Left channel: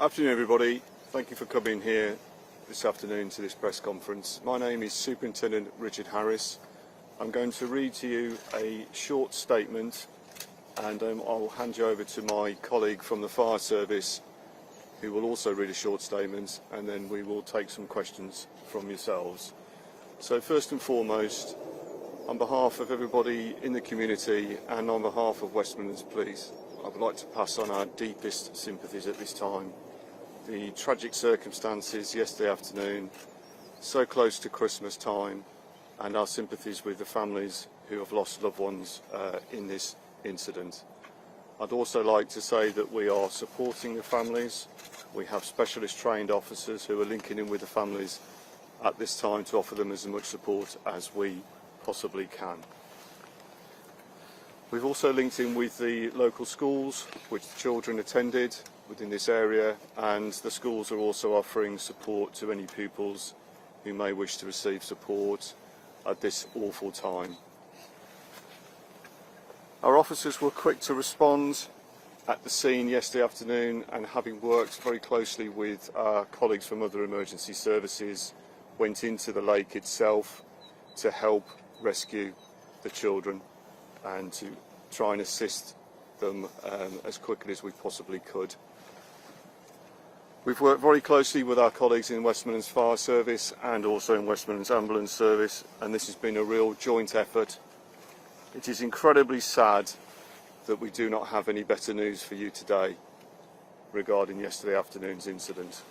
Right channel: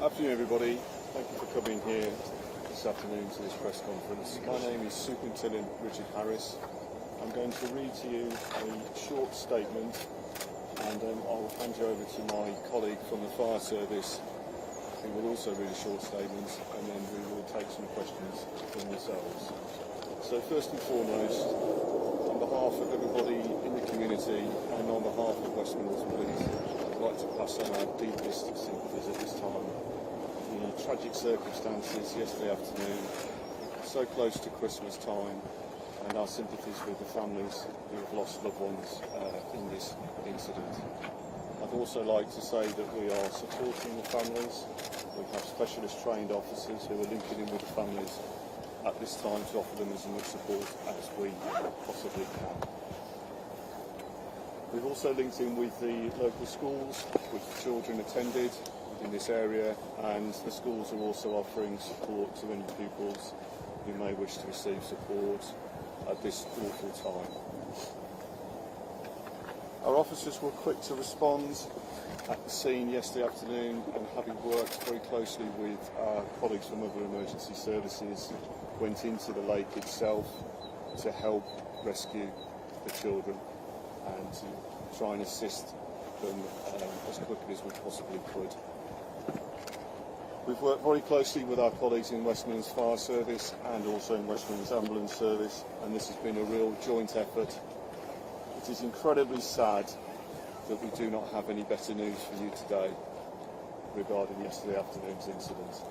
Afternoon everybody, thank you for coming here this afternoon to this press conference. My name is Superintendent Richard Harris. I'm going to read to you a short statement and I'll hand you over to my colleague from the fire service who will also read a short statement, and then we will take some questions from yourselves. So first and foremost, on behalf of everybody in the community and on behalf of West Midlands Police, I'd like to pass on our deepest sympathies at this time. The tragic circumstances yesterday afternoon, so close to Christmas time, and our sympathies with the families who have lost loved ones in this incident. I'd also like to say that we are supporting the families. We have specialist trained officers who are linking in with the families at this time to offer them as much support as we possibly can. We've also linked in with the local schools which the children attended within this area, and the schools are also offering support to any pupils who may wish to receive support at this awful time. Our officers were quick to respond at the scene yesterday afternoon, and having worked very closely with our colleagues from other emergency services, went into the lake itself to help rescue the children and to try and assist them as quickly as we possibly could. We've worked very closely with our colleagues in West Midlands Fire Service and also in West Midlands Ambulance Service, and this has been a real joint effort. It is incredibly sad that we do not have any better news for you today regarding yesterday afternoon's incident.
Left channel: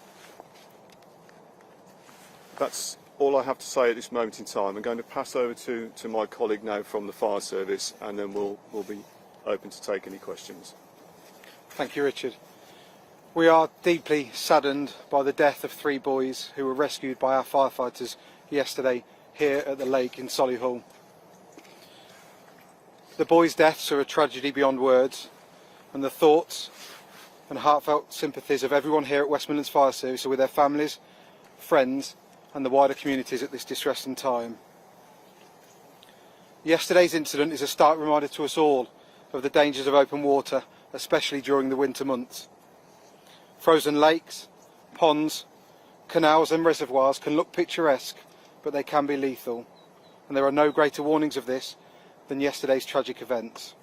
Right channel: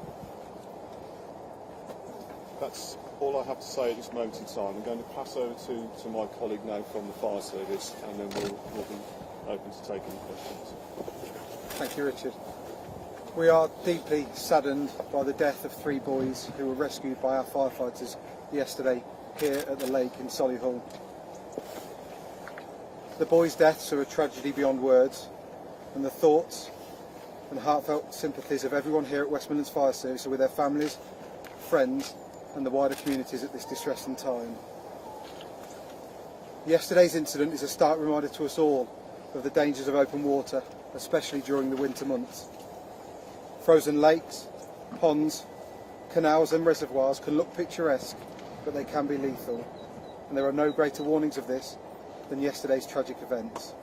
That's all I have to say at this moment in time. I'm going to pass over to my colleague now from the fire service, and then we'll be open to take any questions. Thank you, Richard. We are deeply saddened by the death of 3 boys who were rescued by our firefighters yesterday here at the lake in Solihull. The boys' deaths are a tragedy beyond words, and the thoughts and heartfelt sympathies of everyone here at West Midlands Fire Service are with their families, friends and the wider communities at this distressing time. Yesterday's incident is a stark reminder to us all of the dangers of open water, especially during the winter months. Frozen lakes, ponds, canals and reservoirs can look picturesque, but they can be lethal, and there are no greater warnings of this than yesterday's tragic events.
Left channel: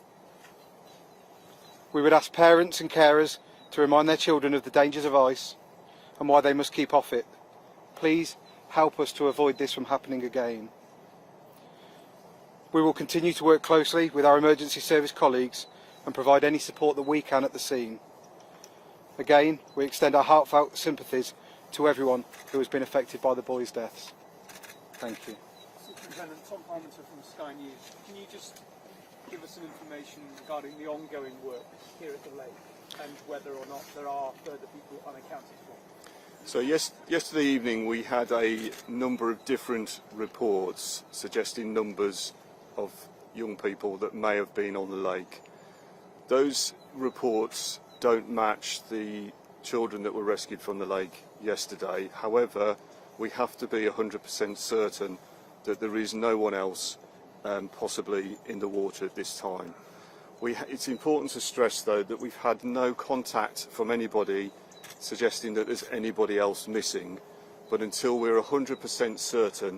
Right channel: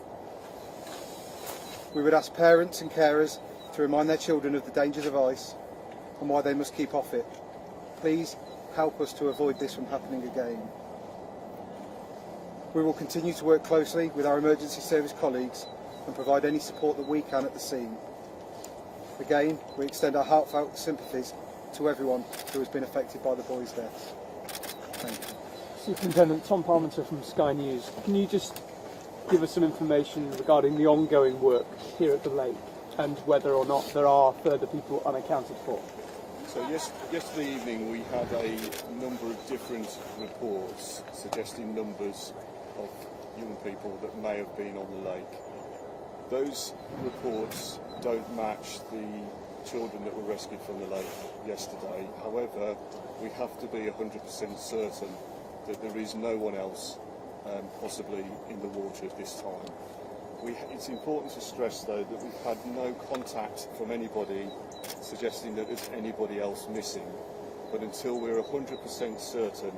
We would ask parents and carers to remind their children of the dangers of ice and why they must keep off it. Please help us to avoid this from happening again. We will continue to work closely with our emergency service colleagues and provide any support that we can at the scene. Again, we extend our heartfelt sympathies to everyone who has been affected by the boys' deaths. Thank you. Superintendent Tom Parmenter from Sky News. Can you just give us some information regarding the ongoing work here at the lake and whether or not there are further people unaccounted for? So yesterday evening we had a number of different reports suggesting numbers of young people that may have been on the lake. Those reports don't match the children that were rescued from the lake yesterday. However, we have to be 100% certain that there is no one else possibly in the water at this time. It's important to stress though that we've had no contact from anybody suggesting that there's anybody else missing, but until we're 100% certain,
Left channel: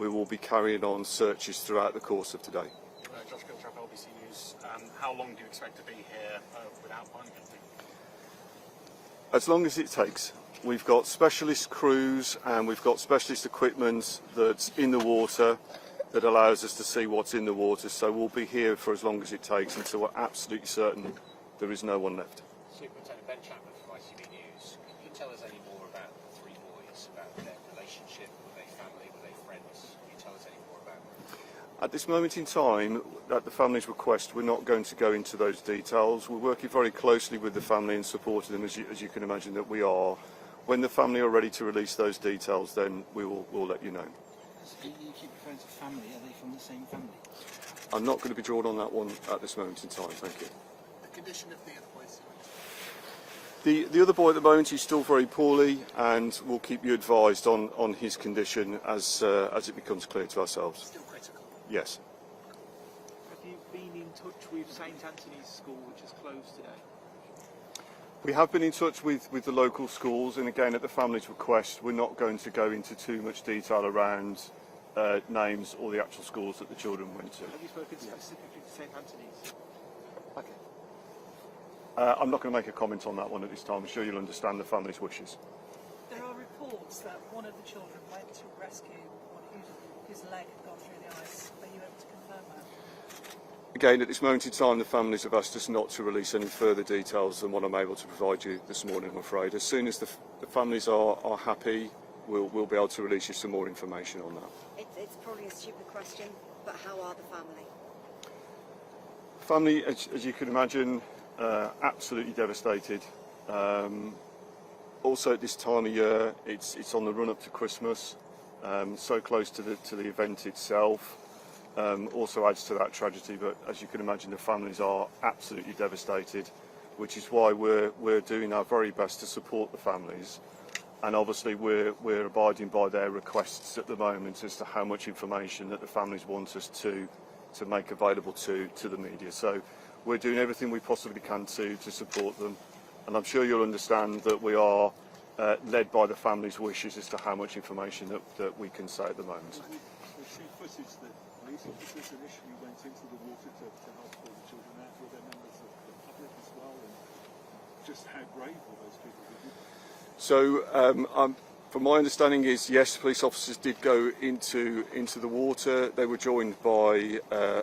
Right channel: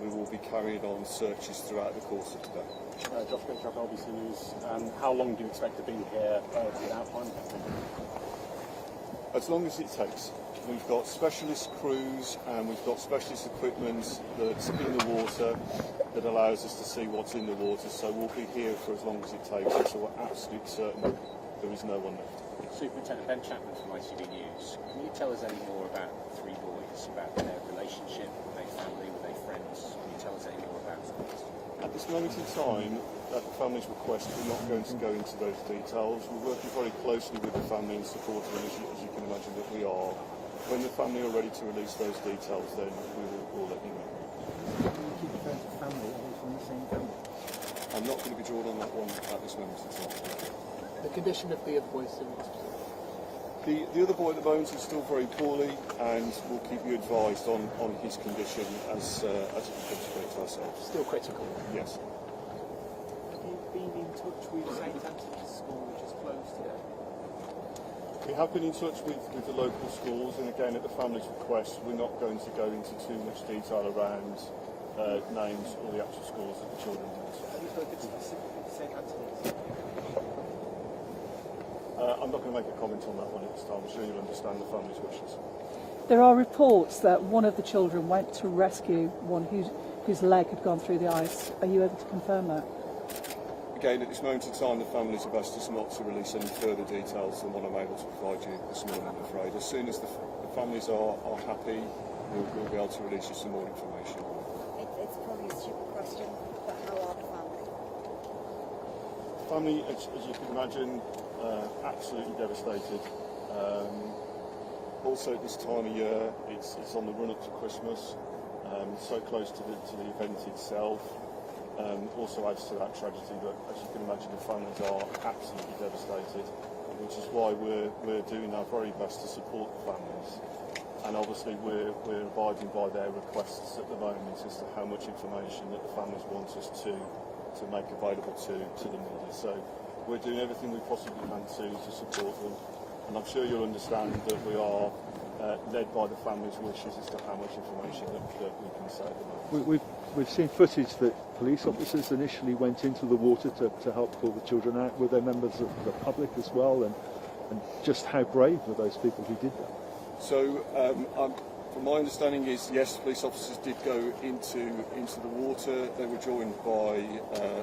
we will be carrying on searches throughout the course of today. Josh Giltrap, RBC News. How long do you expect to be here without finding anything? As long as it takes. We've got specialist crews and we've got specialist equipment that's in the water that allows us to see what's in the water, so we'll be here for as long as it takes until we're absolutely certain there is no one left. Superintendent Ben Chapman from ITV News. Can you tell us any more about the 3 boys, about their relationship, were they family, were they friends? Can you tell us any more about them? At this moment in time, at the family's request, we're not going to go into those details. We're working very closely with the family and supporting them, as you can imagine that we are. When the family are ready to release those details, then we'll let you know. Keep referring to family, are they from the same family? I'm not going to be drawn on that one at this moment in time, thank you. The condition of the other boys, The other boy at the moment is still very poorly, and we'll keep you advised on his condition as it becomes clear to ourselves. still critical. Yes. Have you been in touch with St Anthony's School, which is closed today? We have been in touch with the local schools, and again, at the family's request, we're not going to go into too much detail around names or the actual schools that the children went to. Have you spoken specifically to St Anthony's? I'm not going to make a comment on that one at this time. I'm sure you'll understand the family's wishes. There are reports that one of the children went to rescue one whose leg had gone through the ice. Are you able to confirm that? Again, at this moment in time, the families have asked us not to release any further details than what I'm able to provide you this morning, I'm afraid. As soon as the families are happy, we'll be able to release you some more information on that. It's probably a stupid question, but how are the family? Family, as you can imagine, absolutely devastated. Also at this time of year, it's on the run up to Christmas, so close to the event itself. Also adds to that tragedy, but as you can imagine, the families are absolutely devastated, which is why we're doing our very best to support the families. And obviously we're abiding by their requests at the moment as to how much information that the families want us to make available to the media. So we're doing everything we possibly can to support them. And I'm sure you'll understand that we are led by the family's wishes as to how much information that we can say at the moment. We've seen footage that police officers initially went into the water to help pull the children out. Were there members of the public as well? And just how brave were those people who did that? So, from my understanding is, yes, police officers did go into the water. They were joined by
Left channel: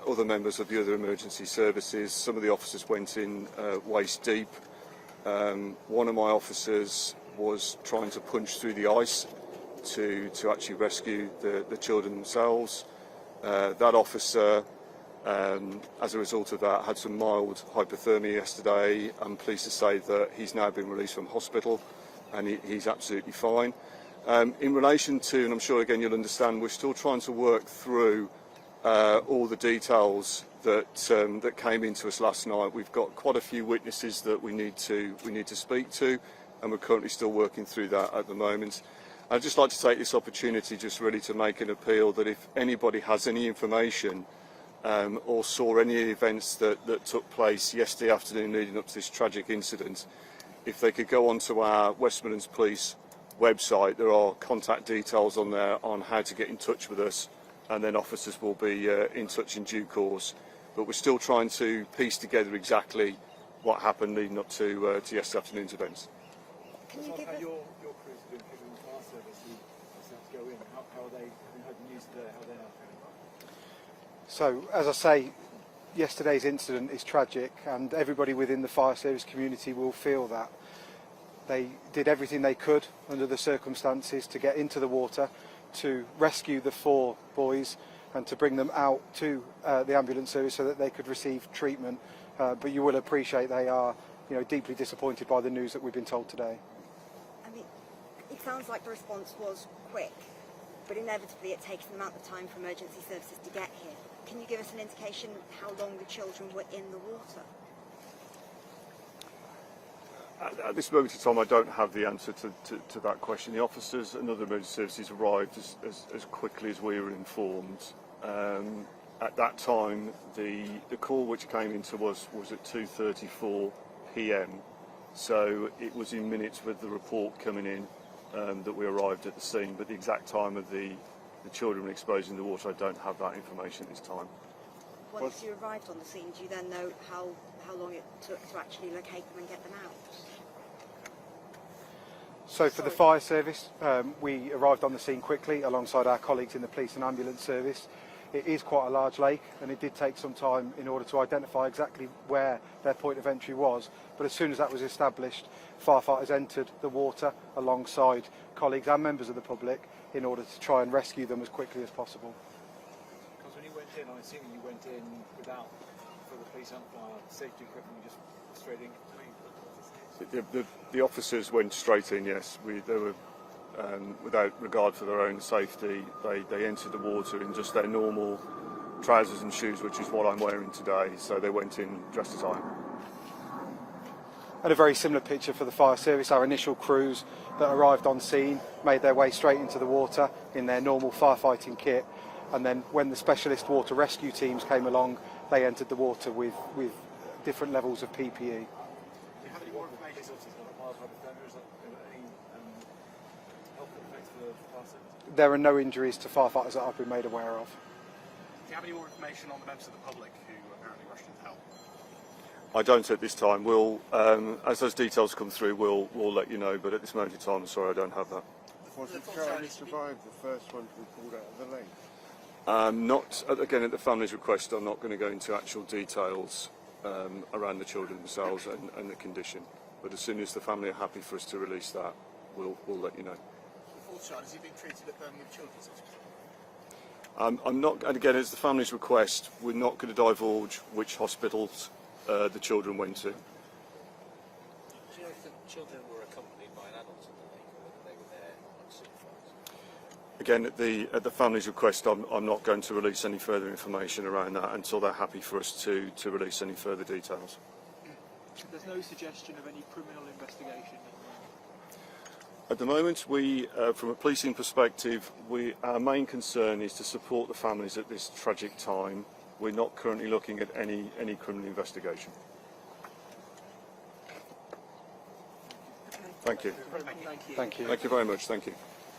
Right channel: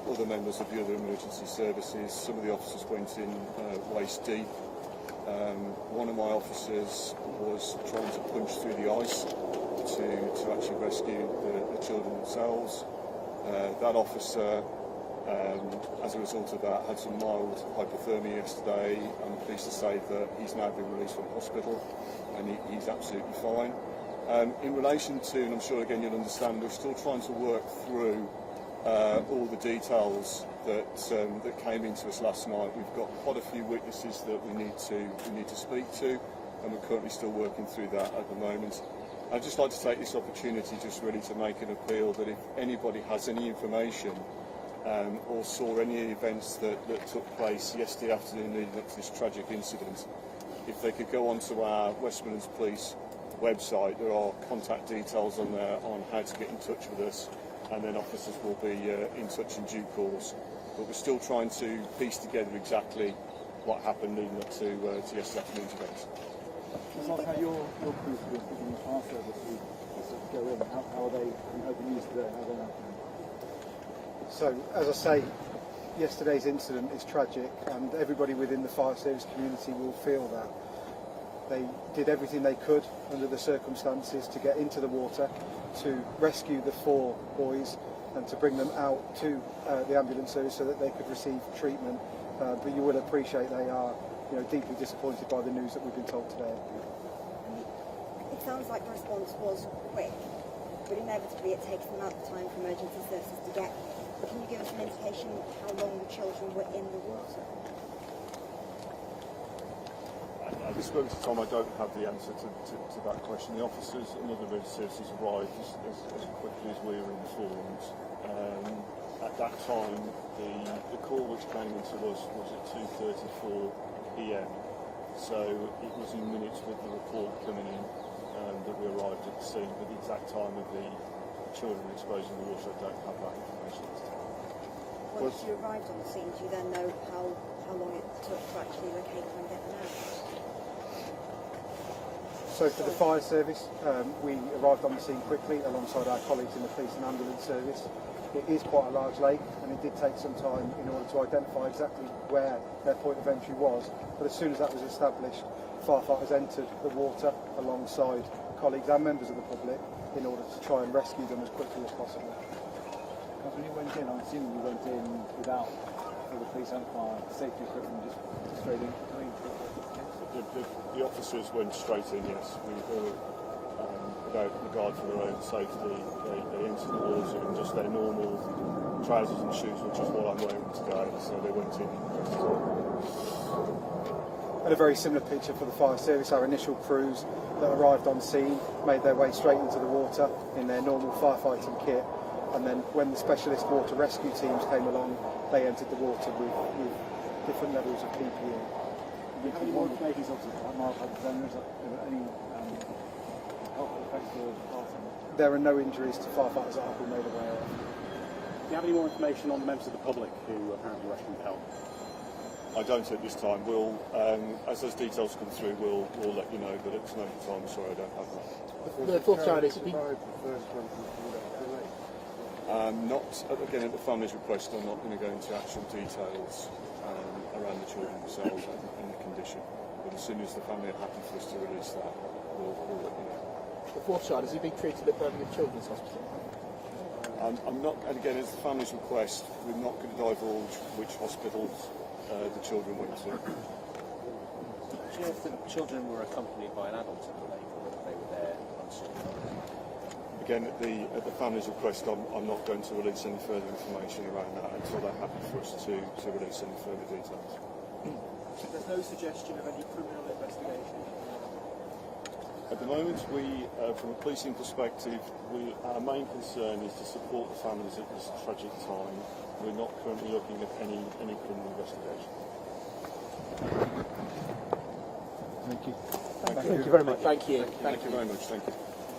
other members of the other emergency services. Some of the officers went in waist deep. One of my officers was trying to punch through the ice to actually rescue the children themselves. That officer, as a result of that, had some mild hypothermia yesterday. I'm pleased to say that he's now been released from hospital and he's absolutely fine. In relation to, and I'm sure again you'll understand, we're still trying to work through all the details that came into us last night. We've got quite a few witnesses that we need to speak to, and we're currently still working through that at the moment. I'd just like to take this opportunity just really to make an appeal that if anybody has any information or saw any events that took place yesterday afternoon leading up to this tragic incident, if they could go onto our West Midlands Police website, there are contact details on there on how to get in touch with us, and then officers will be in touch in due course. But we're still trying to piece together exactly what happened leading up to yesterday afternoon's events. How your crews have been giving the fire service to go in? How are they open use today? How are they not? So, as I say, yesterday's incident is tragic, and everybody within the fire service community will feel that. They did everything they could under the circumstances to get into the water, to rescue the 4 boys and to bring them out to the ambulance service so that they could receive treatment. But you will appreciate they are deeply disappointed by the news that we've been told today. It sounds like the response was quick, but inevitably it takes the amount of time for emergency services to get here. Can you give us an indication how long the children were in the water? At this moment in time, I don't have the answer to that question. The officers and other emergency services arrived as quickly as we were informed. At that time, the call which came into us was at 2:34 p.m. So it was in minutes with the report coming in that we arrived at the scene. But the exact time of the children exposed in the water, I don't have that information at this time. Once you arrived on the scene, do you then know how long it took to actually locate them and get them out? So for the fire service, we arrived on the scene quickly alongside our colleagues in the police and ambulance service. It is quite a large lake, and it did take some time in order to identify exactly where their point of entry was. But as soon as that was established, firefighters entered the water alongside colleagues and members of the public in order to try and rescue them as quickly as possible. Because when you went in, I'm assuming you went in without for the police and fire safety equipment, just straight in. The officers went straight in, yes. They were, without regard for their own safety, they entered the water in just their normal trousers and shoes, which is what I'm wearing today, so they went in dressed as I am. And a very similar picture for the fire service. Our initial crews that arrived on scene made their way straight into the water in their normal firefighting kit, and then when the specialist water rescue teams came along, they entered the water with different levels of PPE. Do you have any more information? Mild hypothermia, is there any health effects for firefighters? There are no injuries to firefighters that I've been made aware of. Do you have any more information on the members of the public who apparently rushed in to help? I don't at this time. We'll, as those details come through, we'll let you know. But at this moment in time, I'm sorry, I don't have that. The fourth child is Not again at the family's request. I'm not going to go into actual details around the children themselves and the condition. But as soon as the family are happy for us to release that, we'll let you know. the fourth child. Is he being treated at Birmingham Children's Hospital? I'm not, and again, as the family's request, we're not going to divulge which hospitals the children went to. Do you know if the children were accompanied by an adult at the lake, or whether they were there unsupervised? Again, at the family's request, I'm not going to release any further information around that until they're happy for us to release any further details. There's no suggestion of any criminal investigation? At the moment, we, from a policing perspective, our main concern is to support the families at this tragic time. We're not currently looking at any criminal investigation. Thank you. Thank you. Thank you very much. Thank you. Thank you very much. Thank you.